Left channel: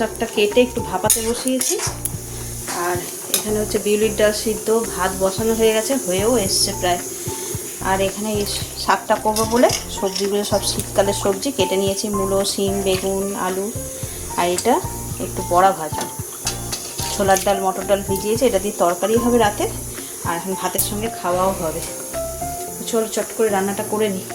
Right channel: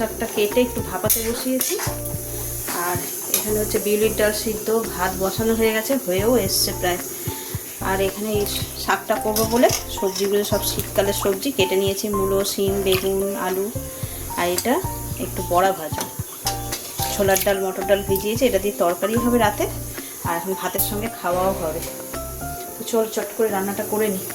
শাকটা কেটে একটু ভাপাতে বসিয়েছি। আর এখানে হচ্ছে বিউলির ডাল সিদ্ধ, ভাত বসানো হয়ে গেছে, হয়েও এসছে প্রায়। আর এখানে এই শাকটা করব বলে সবজিগুলো সব শীতকালের সবজি কেটে নিয়েছি, মূলো, শিম, বেগুন, আলু আর এটা একটু বড়া ভাজা। ছোলার ডাল, মটর ডাল ভিজিয়েছি, এটা দিয়ে তরকারি হবে রাতে। আর এখন ভাতের সঙ্গে খাওয়াও হবে। চলো চট করে রান্নাটা করে নিই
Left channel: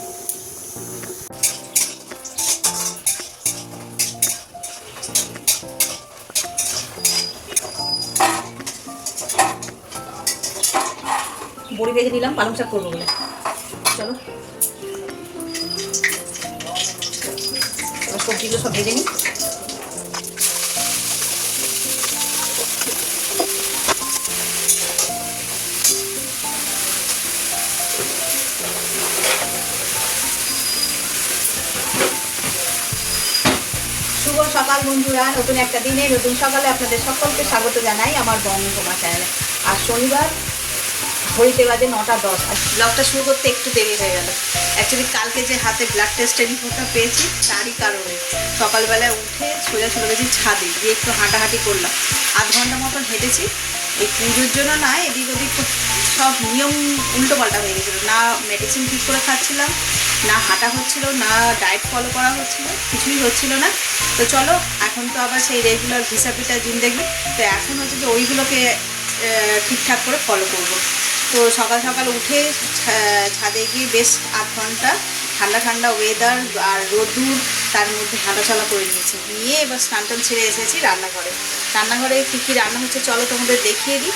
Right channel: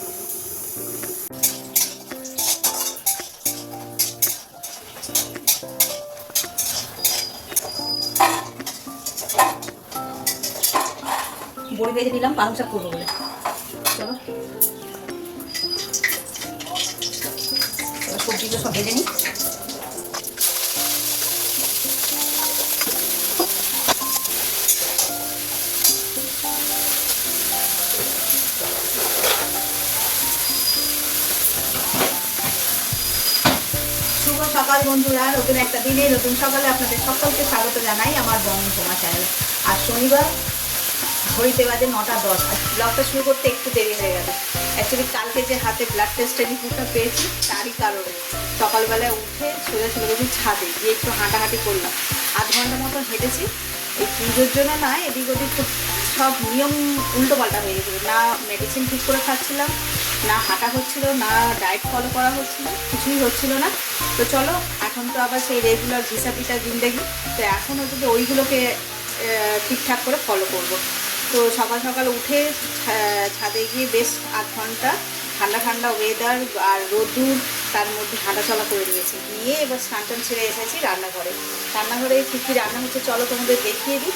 ভেজে নিলাম, পালং শাক করব চলো। সবজিগুলো সব ভেজে নিই। সকাল বন্ধুরা, নতুন একটা দিনে, নতুন সকালে আপনাদের সকলকে স্বাগত জানাই আমার বন্ধু তোমার চ্যানেলে। আর শনিবার ঘড়িতে বাজে নটা দশ, আর ব্লগটা শুরু করতে একটু দেরি হয়ে গেল। অ্যাকচুয়ালি কালকে যে হাতে ব্লাড টেস্টের রিপোর্টটা পেয়েছি, তারই কারণে। সকালবেলা উঠে সোজা চলে গেছি ছাদে, গিয়ে একটু হাঁটাহাঁটি করলাম। আধ ঘণ্টা মতন হেঁটেছি, এই পুজোর জন্য না, এদিক ওদিক সব নিয়ম উল্টো পাল্টা হয়ে গেছিল। না মেডিসিন ঠিক করে খাচ্ছিলাম, না হাঁটা হচ্ছিল, না ডায়েট ফলো করা হচ্ছিল, কিছুই হচ্ছিল না। তো চলো, এখন তো আবার সেই রেগুলার ভিসা পিসা জিন্দেগি। তো এখন হচ্ছে যে ওইগুলোকে ঠিকঠাক করে ফলো করব। তো সকাল সকাল উঠে ছাদে গিয়ে বেশ আধ ঘণ্টা ঠান্ডা ঠান্ডা ওয়েদার আর রোদুর তার মধ্যে হাঁটাচলা করে নিয়েছি। নিয়ে এবার স্নান টান ছেড়ে এসেছি রান্নাঘরে। রান্নাঘরে কী কী রান্না হচ্ছে চলো তোমাদের দেখিয়ে দিই।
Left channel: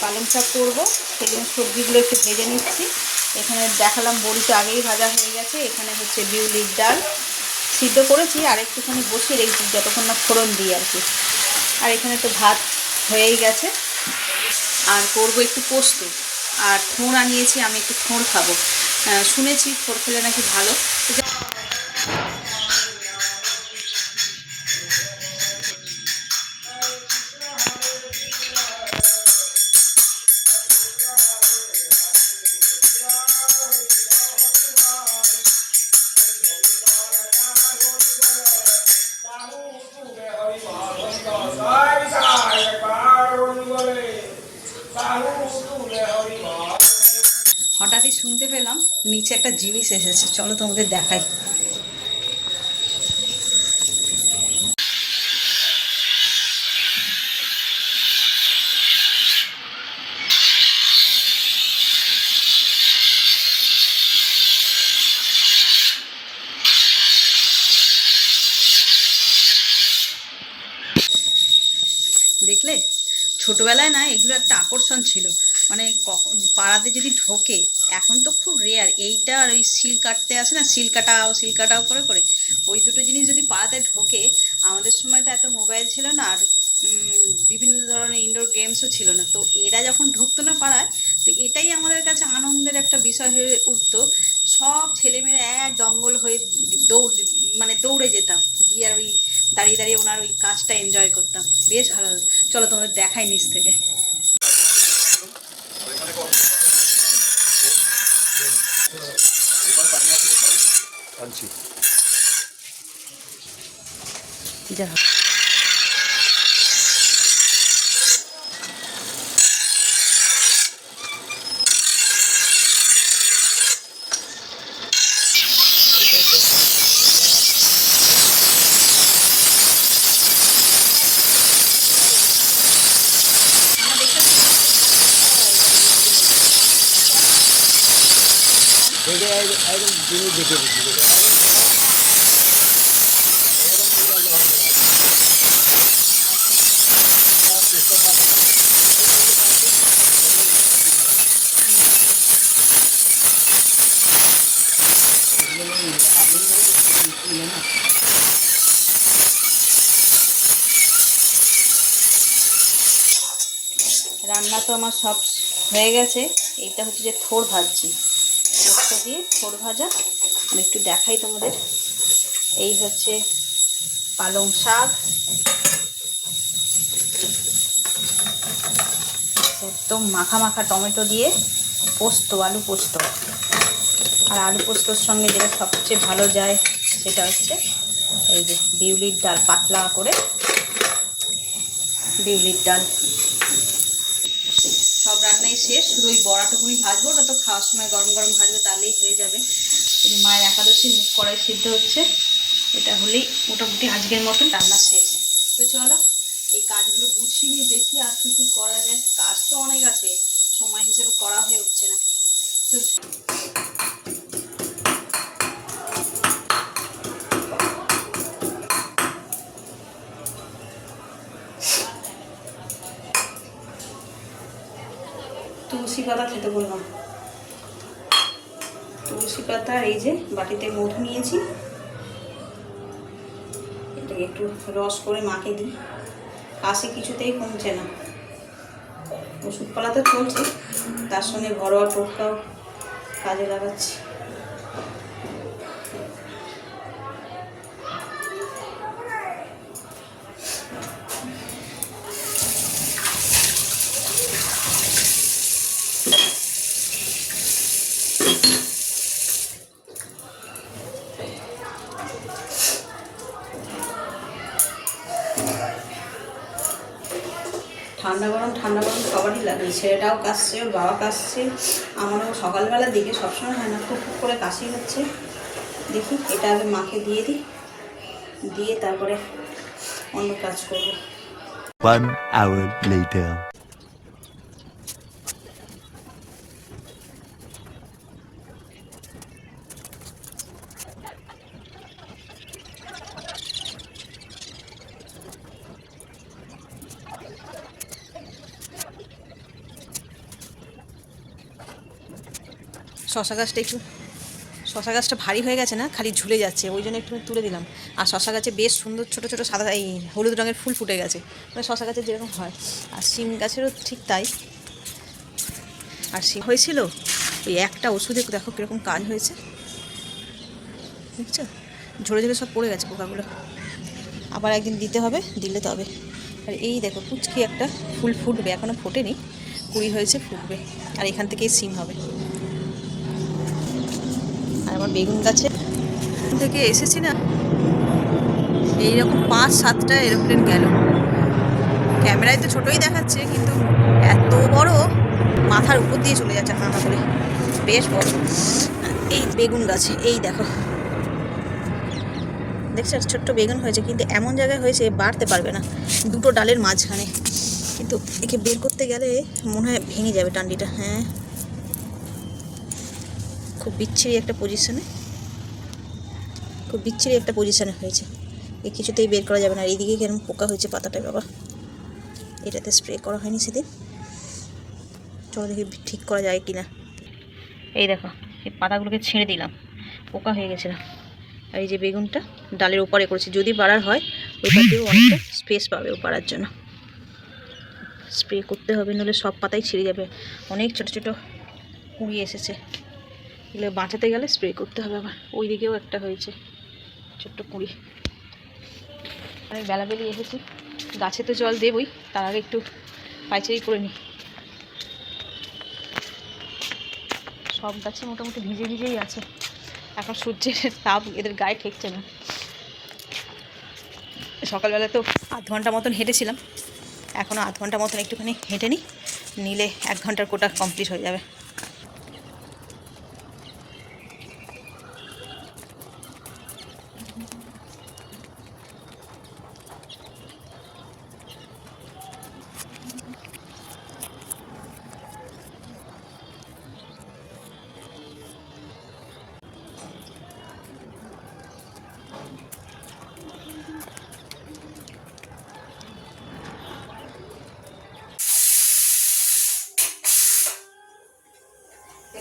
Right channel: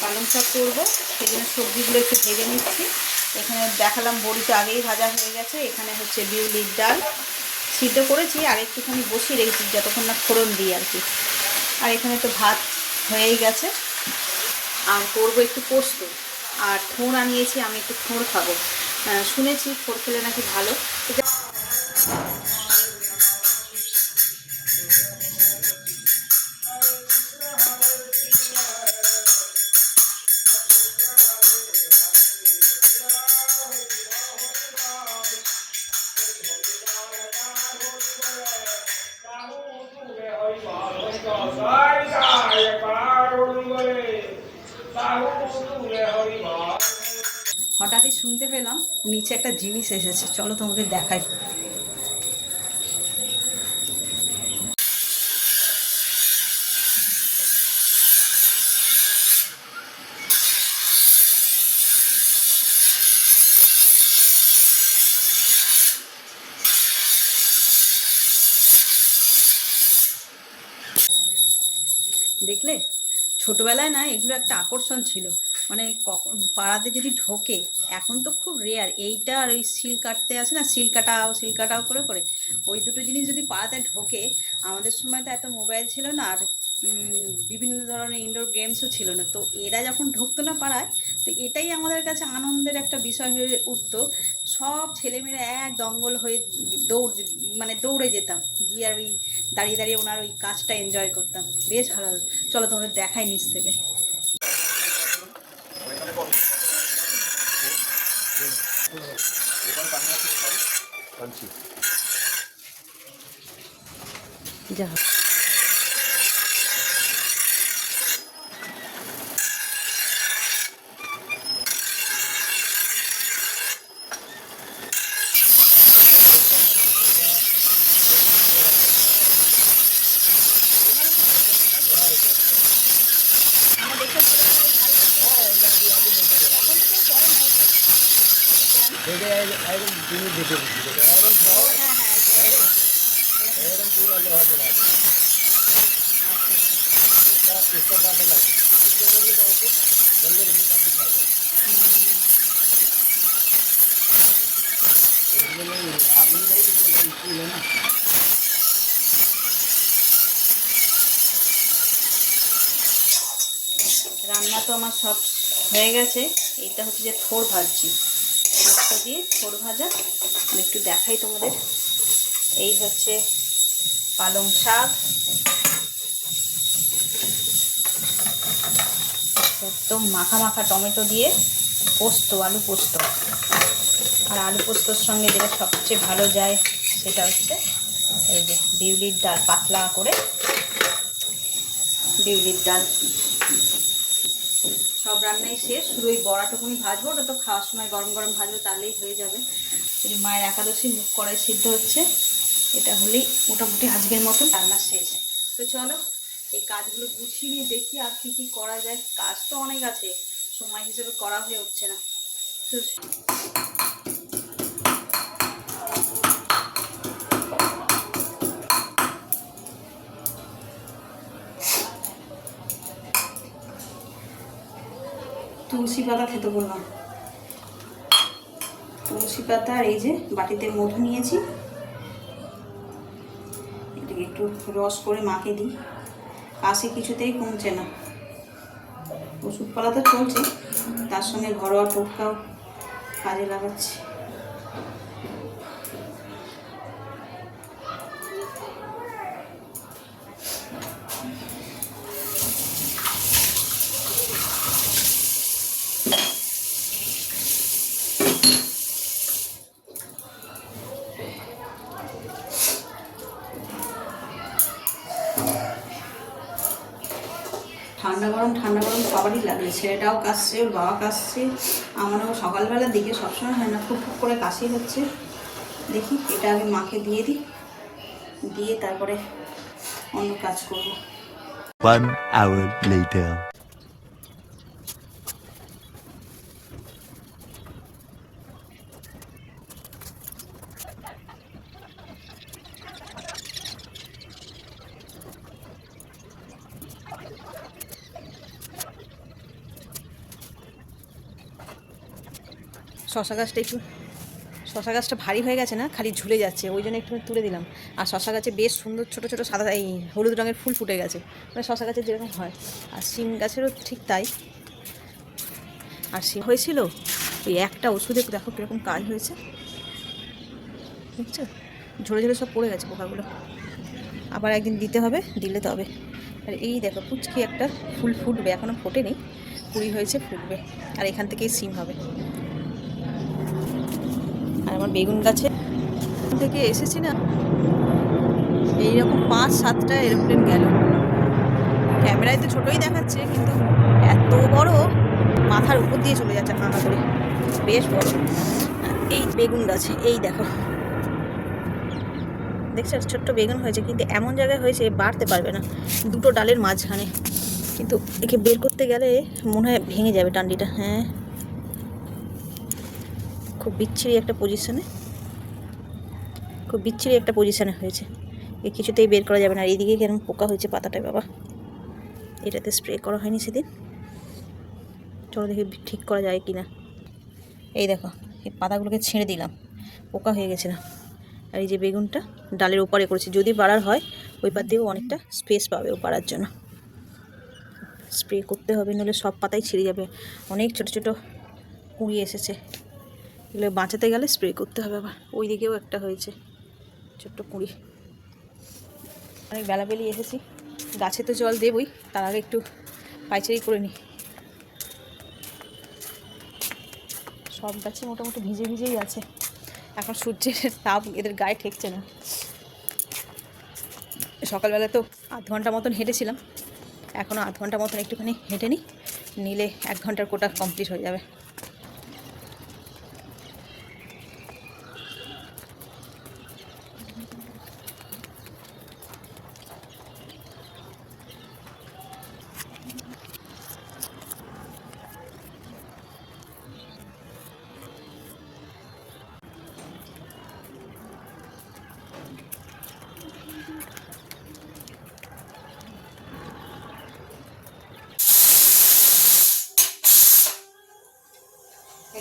পালং শাক করব, সেখানে সবজিগুলো একটু ভেজে নিচ্ছি। এখানে দেখালাম বড়ি তো আগেই ভাজা হয়ে গেছে, এখানে হচ্ছে বিউলির ডাল সিদ্ধ করেছি আর একটুখানি বসিয়ে রেখেছি, যতক্ষণ না ফোড়ন দিই আর কি। আর এখানে তো ভাত হয়েই গেছে। আর করব একটু পোস্ত। আর ফোঁড় আনিয়েছি, আমি একটু ফোঁড় খাব। শুনেছি ফোঁড় খেলে নাকি ভালো। শুনতে পেলাম নিচে একটা জিনিস এসেছে চলো তোমাদের দেখাই দেখলে ছোটবেলায় না এগুলো একটা আকর্ষণ ছিল মানে কখন পাড়াতে যদি ঢোকে, এখন তো খুব রেয়ার এইটা আর ওই সিল কাটতে আসে না, সিল কাটাও সিল কাটাও করে করে। ওই দুটো জিনিস যদি পাড়াতে ঢোকে, আমাদের সময় তো এত মোবাইল ছিল না, আর বিভিন্ন ধরনের ইনডোর গেমসও ছিল না। তো এরা যখন ঢুকতো না পাড়ায়, তো এটাই আমাদের কাছে আনন্দের একটা বিষয় হয়ে উঠতো। সব ছেলেমেয়েরা এক দঙ্গল হয়ে দৌড় মানে দৌড়ে যেতাম। গিয়ে আর ওই দাঁড়িয়ে দাঁড়িয়ে ওনার ওই কাজটা এনজয় করতাম। বেশ ভালো। চলো তোমাদের দেখাই নিচ থেকে। 진짜. 되게 아이고 눈이 되게 보시죠. দেখে দিচ্ছি রান্না তো আমার সব হয়ে গেছে। এটা হচ্ছে যে থোড় ভাজছি পোস্ত দিয়ে থোড় ভাজা। আমি একটু দেখাই তোমাদের। এই হচ্ছে পালং শাক। একদম মাখা মাখা টমেটো দিয়ে পোস্ত, আলু পোস্ত। আর আলু পোস্তর সঙ্গে যেটা সবচেয়ে ভালো যায় সেটা হচ্ছে এই যে বিউলির ডাল, পাতলা করে বিউলির ডাল। সব রান্নাই শেষ। শুধু ওই বড়াটুকুনি ভাজবো, ওটা তো খাওয়ার সময় গরম গরম ভাজবো, তাহলেই হয়ে যাবে। মায়ের একাদশী, মুখ করাই সিদ্ধ হচ্ছে। এটা হলেই মোটামুটি আজকের মতো রান্না শেষ। তো চলো, এই কাজগুলো গুছিয়ে নিয়ে দেখি আর কি কি করা যায়। কাজ তো অনেক আছে, সময় হিসেবে করা হয়ে উঠছে না। তো তুলসী পাতা খেতে বললাম। তুলসী পাতা এই যে বাটিতে মধু নিয়েছি। এটাকে একটু রস করে মাকে দিই। কাশি কিছুতেই কমছে না। ওষুধপালা তো চলছে, তার সঙ্গে ঘরোয়া টোটকাও কাজে লাগাচ্ছি। ঠান্ডা গরম ঠান্ডা গরম সবারই লাগে। ছেলেটাও কাশছে, ওর বাবা কাশছে। আমারও সকালবেলা দিকে সবসময় হয় না, খুব খুব করে কাশি হচ্ছে। দেখি, এটা আগে মাকে দিয়ে দিই। দিয়ে তারপরে অন্য কাজ করব। One hour later. শশা গাছটা একটু, শশা গাছটা ভারী হয়ে গেছে না, খালি ঝুলে যাচ্ছে, ওই জন্য একটু তুলে দিলাম। আর শশা গাছে বেশ সুন্দর ছোটো ছোটো সাদা, এই হলুদ রঙের ফুল ফুটে গেছে। মানে শশা গাছের যেরকম হয়। আর শিম গাছেরও ঠিক তাই। আর শিম হয়েছিল? এই একটা ওষুধে দেখো কীরকম কাজ হয়েছে। বুঝছ? ঝরে ঝরে সব পড়ে গেছে পোকাগুলো। আবার একদিন দিতে হবে, দিলে তবে। আর এই দেখো পুচকি একটা, ফুল ফুটবে এখনও ফোটেনি। কুড়ি হয়েছে, ফুটবে। আর এখান থেকেই সিম হবে। আমার বেগুন গাছে। থেকে এসেছি না। এইরকম পাঁচ, সাতটা এরোপ্লেন গেল। ক্যামেরায় তো ছোটোই দেখাচ্ছে, কিন্তু এত বড় মাথার উপর দিয়ে চলে যাচ্ছে আসলে বেশ বড়। এই বেগুন গাছে, এই দেখো। দেখছ, ছোট্ট বেগুন হয়েছে, কিন্তু এমন জায়গায় হয়েছে বাড়তে পারবে না। দুটো ডালের মাঝখানে। কিন্তু একে বের করতে গেলে মনে হয় ভেঙে যাবে ডান্ডিটা হ্যাঁ। বিচ্ছিরি একটা পজিশনে খুব বিচ্ছিরি একটা পজিশনে হয়েছে। এ কিছুতেই বের করা যাবে না। আর এইদিকে কেমন পোকা হয়েছে পাতাটায় বাবা। এটাতে স্প্রে করা হয়নি সেদিন। চলো দেখি ঠিক করা যায় কি না এই দেখো, এই পাতাগুলোকে ছেড়ে দিলাম। পোকা হয়ে গেছিল আর এই যে বেগুনটা ডালের উপরে করেছি। যদি বাড়ার হয় ওইটা দিয়েও অনেকটা স্পেস পাবে বাড়ার জন্য। স্প্রে করতে হবে নাহলে সব পাতাই ছিঁড়ে যাবে। অনেক ছোট ছোট কুড়ি এসেছে। এগুলো বাঁচাতে গেলে স্প্রে করতে হবে আবার। ওই দিকেও একটা হয়েছে, ছোট্ট কুড়ি। অনেক বেলাবেলি এসেছি। গাছে তো জল দেবই, তার আগে একটু পাইচারি করে নিই। সব গাছে মোটামুটি ভিজে ভিজেই আছে। এখন সূর্যের তাপ এদের গায়ে ঠেকছে না। সকালবেলা তো আধ ঘণ্টা মতন হেঁটেছিলাম। এখনও আধ ঘণ্টা মতন একটুখানি হেঁটে নিই নিলে এক ঘণ্টার কোটা কমপ্লিট হয়ে যাবে।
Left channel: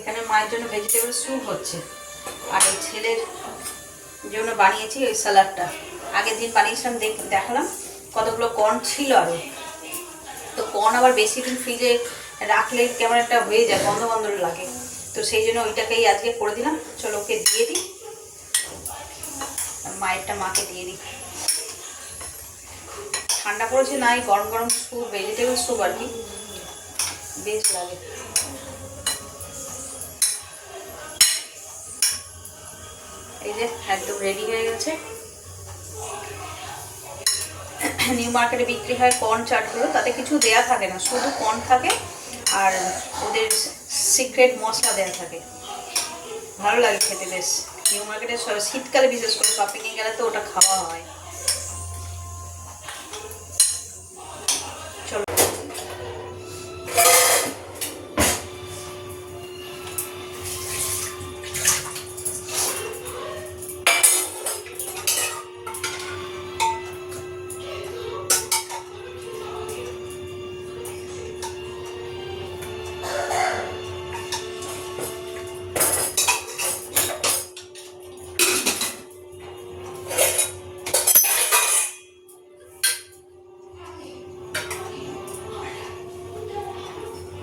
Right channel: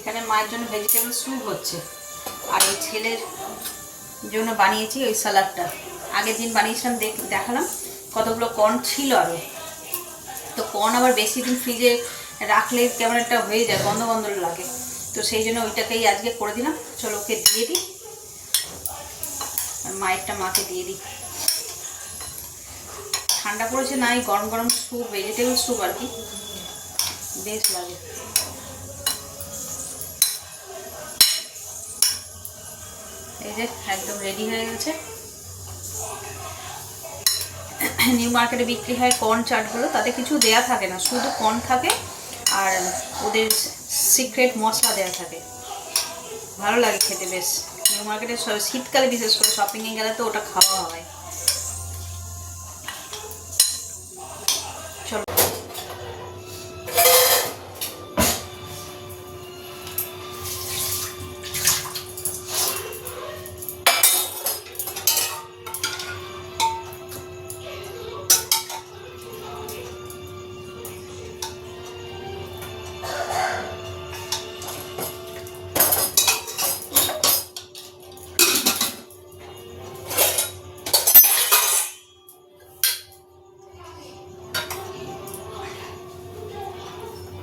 এখানে মায়ের জন্য ভেজিটেবল স্যুপ হচ্ছে। আর ওই ছেলের জন্য বানিয়েছি ওই স্যালাডটা আগের দিন বানিয়েছিলাম, দেখ, দেখালাম কতগুলো কর্ন ছিল আরও তো কর্ন আবার বেশি দিন ফ্রিজে রাখলে কেমন একটা হয়ে যায় বন্ধ বন্ধ লাগে। তো সেই জন্য ওইটাকেই আজকে করে দিলাম। চলো ওকে দিয়ে দিই। আর মায়েরটা মাকে দিয়ে দিই। ঠান্ডা পড়েছে নাই গরম গরম স্যুপ ভেজিটেবল স্যুপ আর কি। বেশ লাগে। এই যে একদম রেডি হয়ে গেছে। নিউ মার্কেটে বিক্রি হয় কর্ন চাটগুলো তাতে কিছু দেয়া থাকে না, শুধু কর্ন থাকে আর ওদের সিক্রেট মশলা দেয়া থাকে। ভালো লাগে খেতে বেশ। নিউ মার্কেটে শীতকালে বিশেষ করে শপিংয়ে গেলে তো ওটা খাওয়া হয়।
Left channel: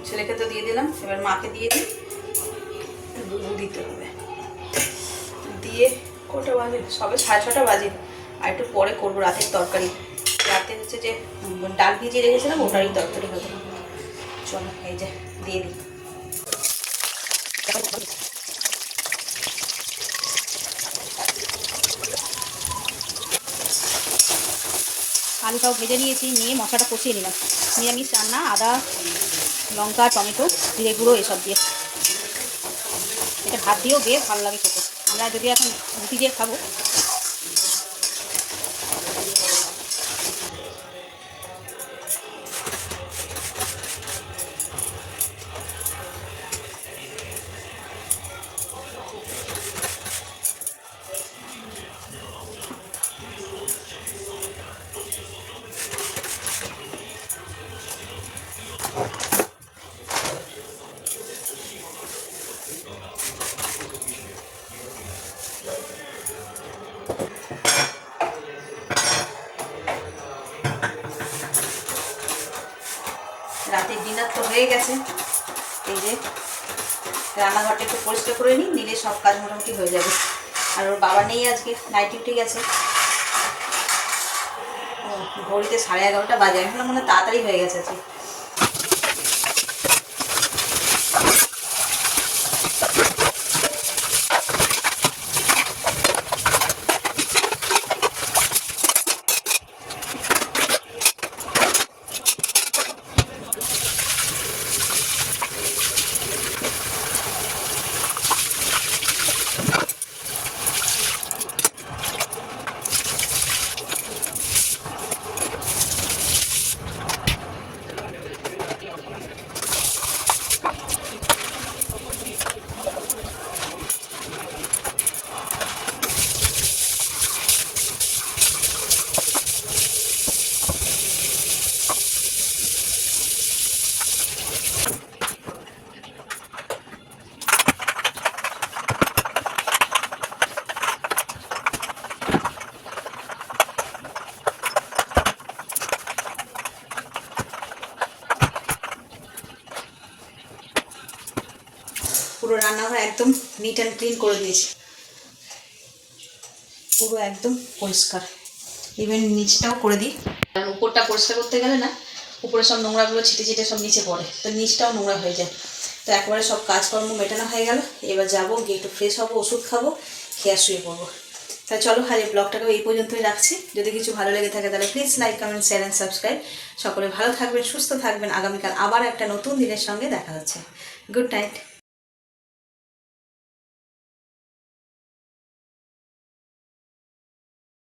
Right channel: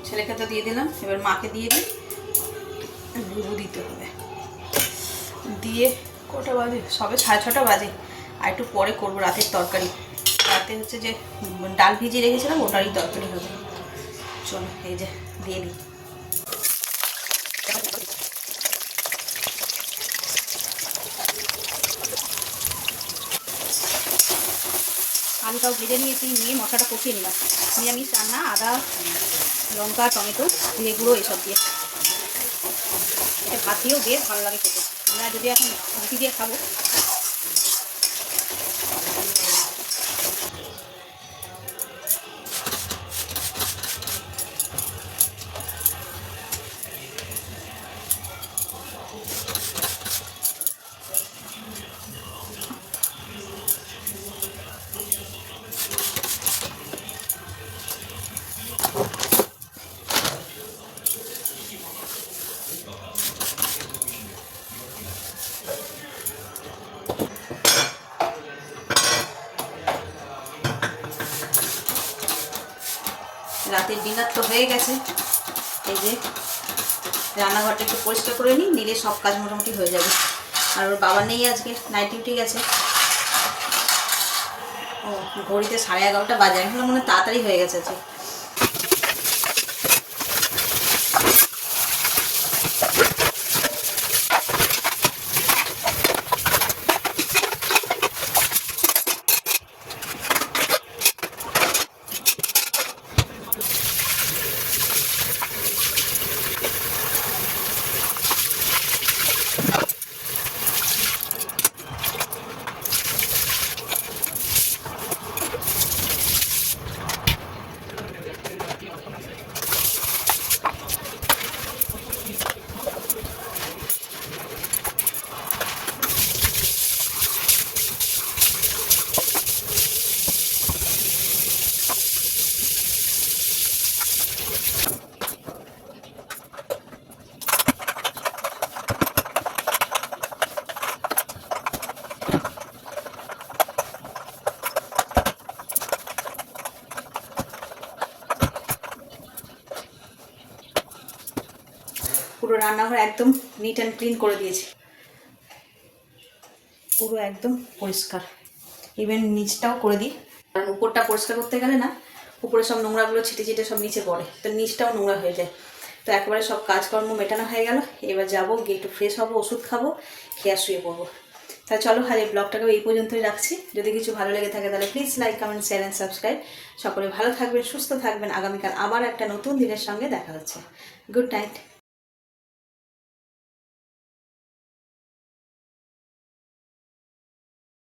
ছেলেকে তো দিয়ে দিলাম, এবার মাকে দিয়ে দিই। দুধও দিতে হবে। দিয়ে কটা বাজে? সবে সাড়ে ছটা বাজে। আর একটু পরে করব রাতের তরকারি। রাতে হচ্ছে যে ডাল ভিজিয়ে রেখেছিলাম, ওটারই তরকারি হবে চলো, এই যে, দিয়ে দিই। আলুটাও ভেজে নিয়েছি, নিয়ে মশলাটা কষিয়ে নিলাম। নিরামিষ রান্না, আদা লঙ্কা, টমেটো, জিরে গুঁড়ো, এসব দিয়ে। এটা ভাত দিয়েও বেশ ভালো লাগে খেতে। আমরা যদি এখন রুটি দিয়ে খাব তো হয়ে গেছে। এই যে, রান্নাঘরটা একটু পরিষ্কার করে নিই, নিলে সব কাজ মোটামুটি হয়ে যাবে। আর ওর বাবা নেই আজকে নাইট ডিউটি গেছে। ঘড়িতে সাড়ে এগারোটা বাজে, এখন মনে তাড়াতাড়ি হয়ে গেছে আজকে পুরো রান্নাঘর একদম নিট অ্যান্ড ক্লিন করে দিয়েছি। পুরো একদম পরিষ্কার। ইভেন নিচটাও করে দিই। কারণ উপরটা পরিষ্কার করতে গেলে না, উপরে সব নোংরাগুলো ছিটে ছিটে সব নিচে পড়ে। তো নিচটাও নোংরা হয়ে যায়। তো একবারে সব কাজকর্ম মেটানো হয়ে গেল। এবার যাব, গিয়ে একটু ফ্রেশ হব, ওষুধ খাব, খেয়ে শুয়ে পড়ব। তা চলো এই ব্লগটাকে এই পর্যন্তই রাখছি। যদি কিছু ভালো লেগে থাকে, তাহলে please like comment share and subscribe সকলে ভালো থাকবেন, সুস্থ থাকবেন। আগামীকাল আবার একটা নতুন দিনের সঙ্গে দেখা হচ্ছে। Good night